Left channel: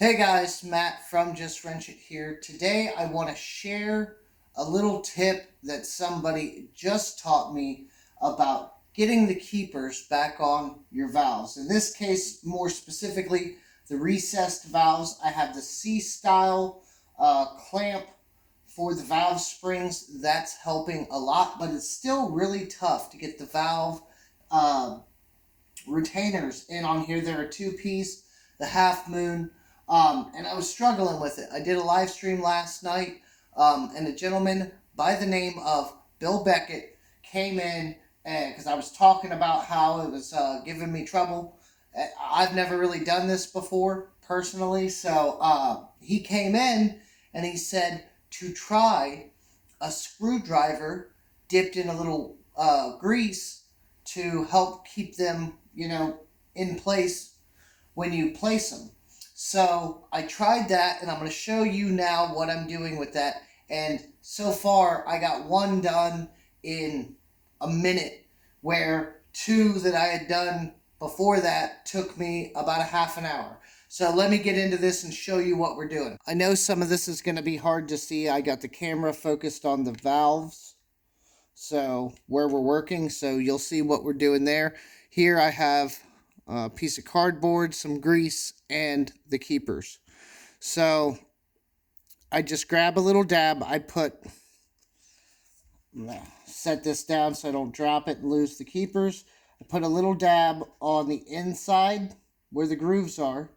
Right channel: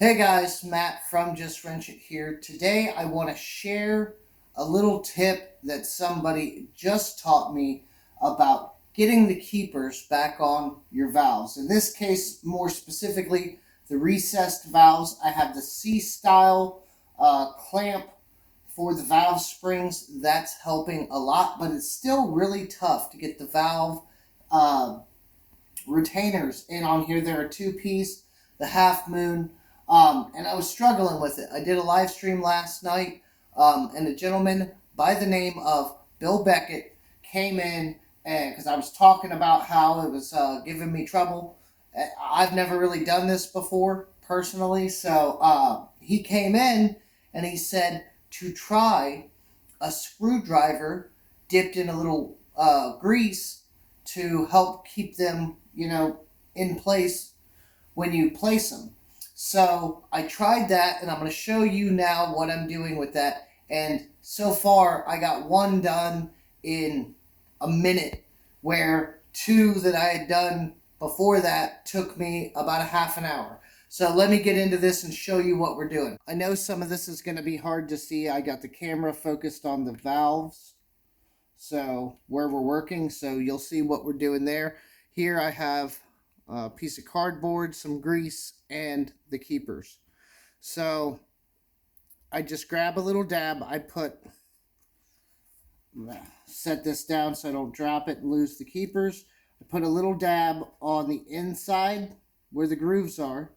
Hey guys, Matt from Just Wrench It here. Today I want to share a little tip that somebody just taught me about getting the keepers back on your valves. In this case, more specifically, the recessed valves. I have the C-style clamp for the valve springs. That's helping a lot, but it's still really tough to get the valve uh, retainers in on here. They're a two-piece, the half moon. And I was struggling with it. I did a live stream last night, and a gentleman by the name of Bill Beckett came in, and because I was talking about how it was giving me trouble. I've never really done this before personally, so he came in and he said to try a screwdriver dipped in a little grease to help keep them, in place when you place them. So I tried that, and I'm going to show you now what I'm doing with that. And so far, I got one done in a minute, where two that I had done before that took me about a half an hour. So let me get into this and show you what we're doing. I know some of this is going to be hard to see. I got the camera focused on the valves, so where we're working, so you'll see what we're doing there. Here I have a piece of cardboard, some grease, and the keepers. So I just grab a little dab. Set this down so I don't drop it and lose the keepers. I put a little dab on the inside where the grooves are.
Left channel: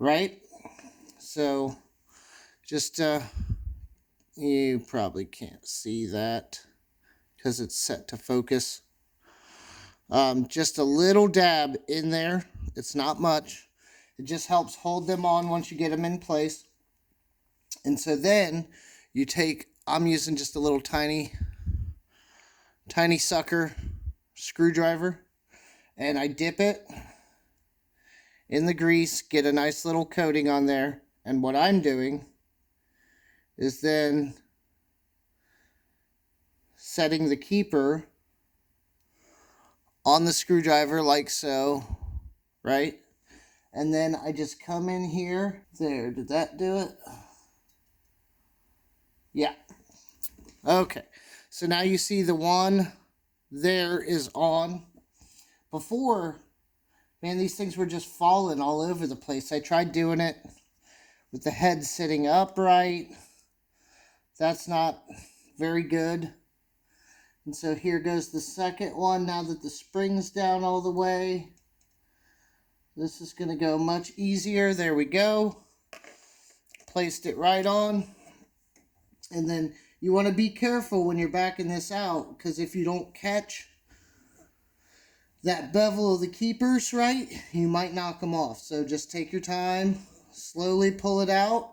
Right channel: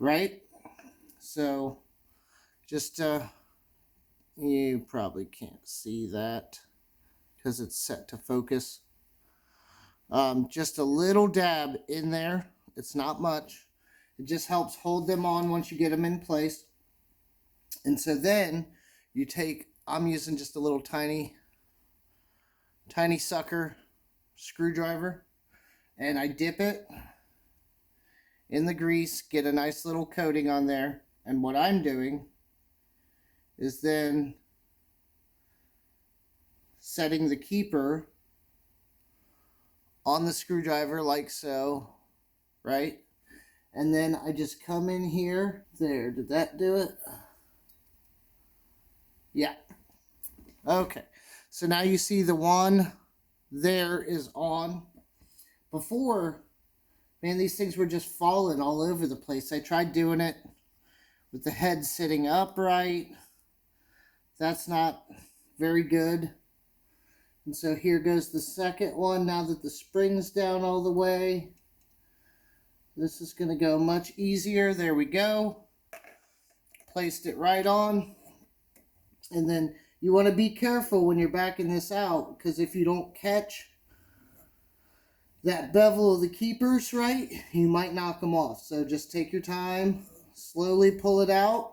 Right? So just you probably can't see that because it's set to focus. Just a little dab in there. It's not much. It just helps hold them on once you get them in place. And so then you take, I'm using just a little tiny sucker screwdriver, and I dip it in the grease, get a nice little coating on there. And what I'm doing is then setting the keeper on the screwdriver like so, right? And then I just come in here. There, did that do it? Yeah. Okay. So now you see the one there is on. Before, man, these things were just falling all over the place. I tried doing it with the head sitting upright. That's not very good. And so here goes the second one. Now that the spring's down all the way, this is going to go much easier. There we go. Placed it right on. And then you want to be careful when you're backing this out, because if you don't catch that bevel of the keepers right, you might knock them off. So just take your time, slowly pull it out.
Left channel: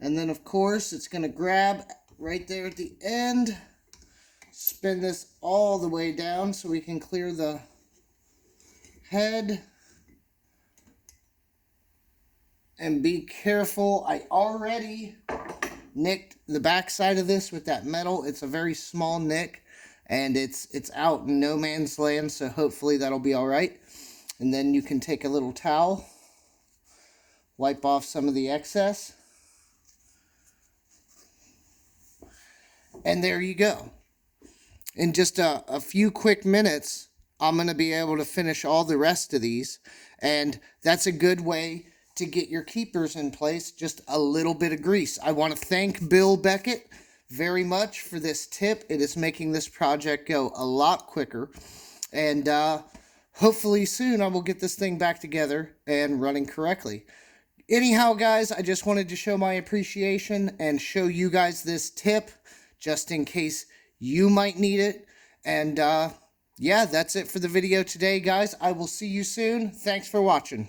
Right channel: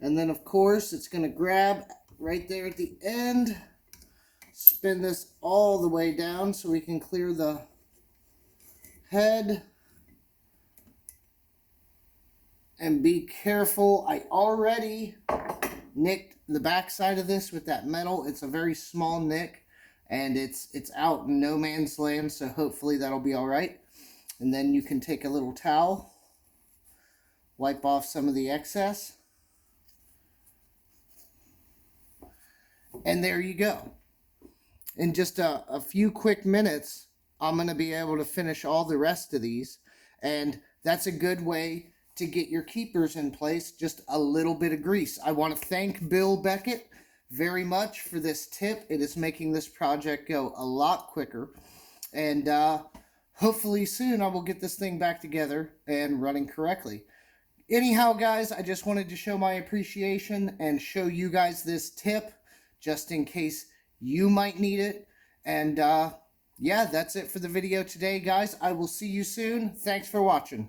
And then, of course, it's going to grab right there at the end. Spin this all the way down so we can clear the head. And be careful. I already nicked the back side of this with that metal. It's a very small nick, and it's out in no man's land, so hopefully that'll be all right. And then you can take a little towel, wipe off some of the excess. And there you go. In just a few quick minutes, I'm going to be able to finish all the rest of these. And that's a good way to get your keepers in place, just a little bit of grease. I want to thank Bill Beckett very much for this tip. It is making this project go a lot quicker. And hopefully soon I will get this thing back together and running correctly. Anyhow, guys, I just wanted to show my appreciation and show you guys this tip, just in case you might need it. And yeah, that's it for the video today, guys. I will see you soon. Thanks for watching.